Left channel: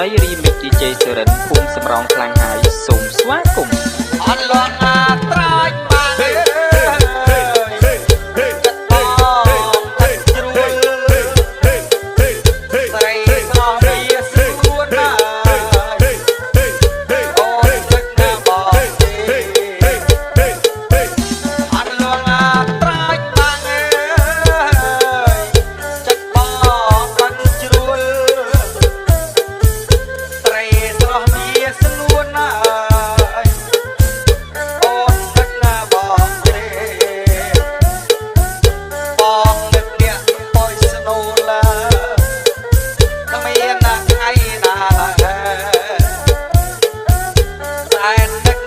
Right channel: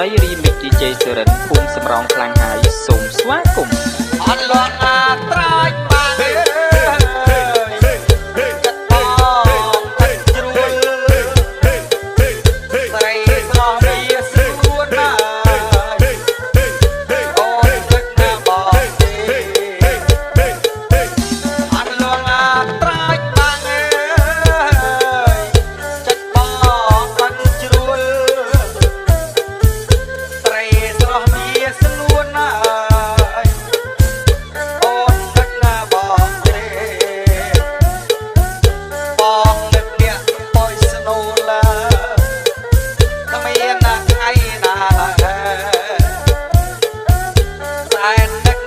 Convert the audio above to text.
ត្រីរីមិច DJ សេរិនភូមិសំរោងខ្លាំងហើយសូមស្វាគមន៍អត់លងអាត្រាច់បានទេចិត្តបងចិត្តជ្រួលត្រីស្រស់វាស្រួលណាអូនទឹកណាបងទេអត់លងអាត្រាច់បានទេចិត្តបងចិត្តជ្រួលត្រីស្រស់វាស្រួលណាHãy subscribe